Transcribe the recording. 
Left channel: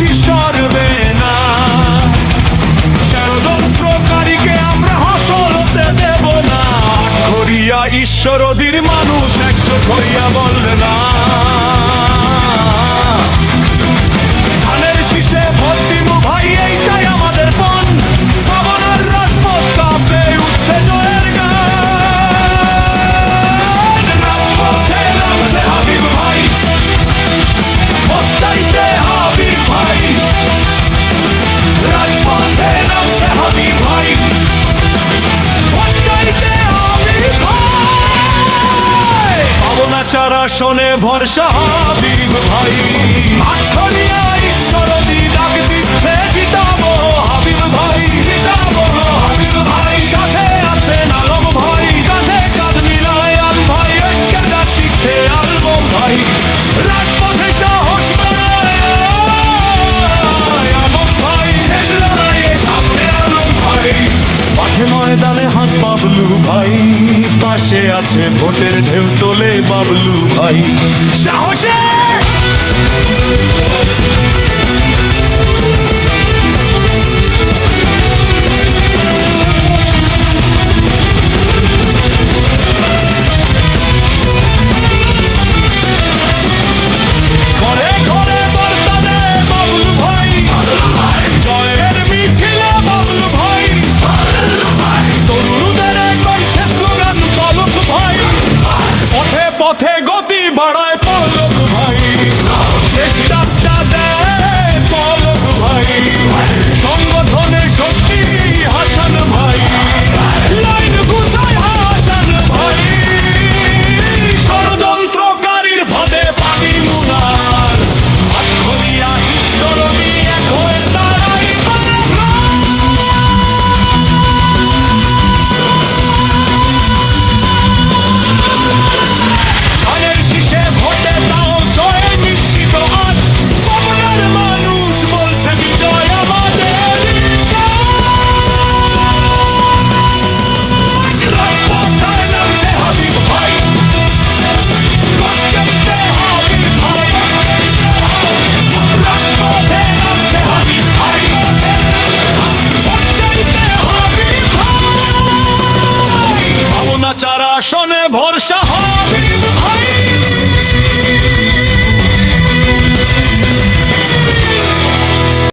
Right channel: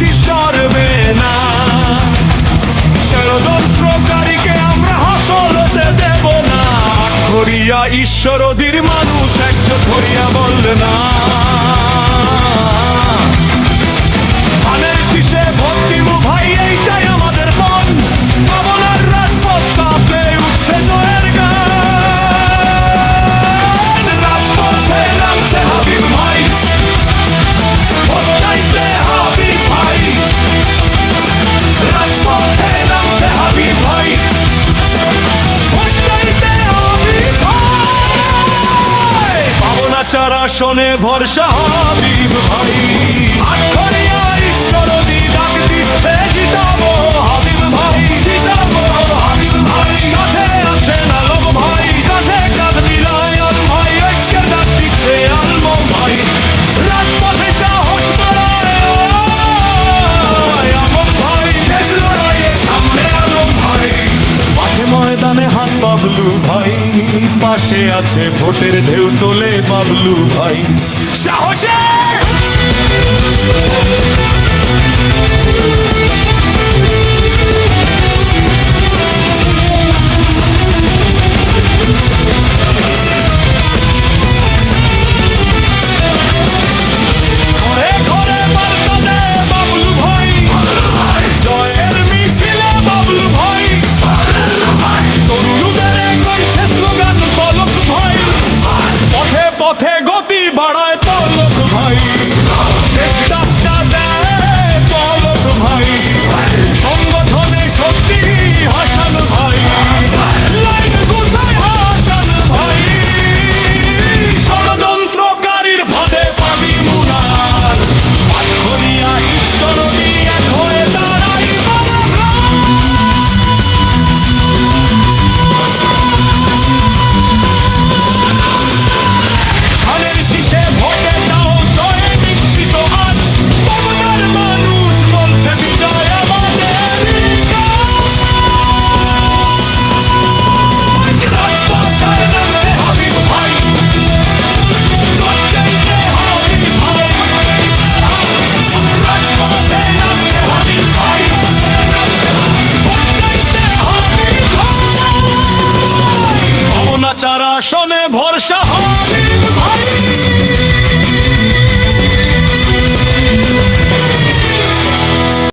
বেশি সরবে না। ষড়যন্ত্রকারীকে আমরা হাসল হতে দেব না। আটঘরিয়া ঈশ্বরদীর মানুষ একজোট হইয়া বললে না। ধানের শীষে ভোট দিমু ভাই, এইটাই আমাদের পণ। পাবনার রাজপথ কাঁপে উঠছে জয়ের গান। রাজপথে নামছে হাবিব ভাই, ভোট চাইতে হাবিব ভাই। রাজপথে নামছে হাবিব ভাই, ভোট চাইতে হাবিব ভাই। পাবনা 4 আসনে ভরসা হাবিব ভাই। আটঘরিয়া ঈশ্বরদী ডাক দিচ্ছে জিতাবো হাবিব ভাই, জিতাবো হাবিব ভাই। সাথে আছেন আলম ভাই, কাঁধে কাঁধ মিলায় আলম ভাই। ঐক্যের ডাক দিচ্ছে আলম ভাই। রাজপথে সাহস বাড়ায় আলম ভাই। শেষ লড়াইয়ে সামনে আলম ভাই। মাঠে ময়দানে হাত বাবলু ভাই, পাশে আছে ভোটের ঢেউ তোলে বাবলু ভাই। সাহসে ঘরে ঘরে বার্তা দেয় বাবলু ভাই। জয়ের মিছিলে বাবলু ভাই। তরুণদের কণ্ঠে স্লোগান পলক ভাই। পথে পথে গতি বাড়ায় পলক ভাই। শেষ ডাকটা দেয় পলক ভাই। সংগঠনে শক্তি হাসান ভাই। লাইন গুছায় হাসান ভাই। ষড়যন্ত্রকারীর ফাঁদে পাবি মুনার। আটঘরিয়া ঈশ্বরদী এক হয়ে দাঁড়াই ধানের শীষে ভোটে দাও জয় নিশ্চিত আজ। পাবনার মানুষ বলছে বিজয় আমাদের কাজ। রাজপথে নামছে হাবিব ভাই, ভোট চাইতে হাবিব ভাই। রাজপথে নামছে হাবিব ভাই, ভোট চাইতে হাবিব ভাই। পাবনা 4 আসনে ভরসা হাবিব ভাই।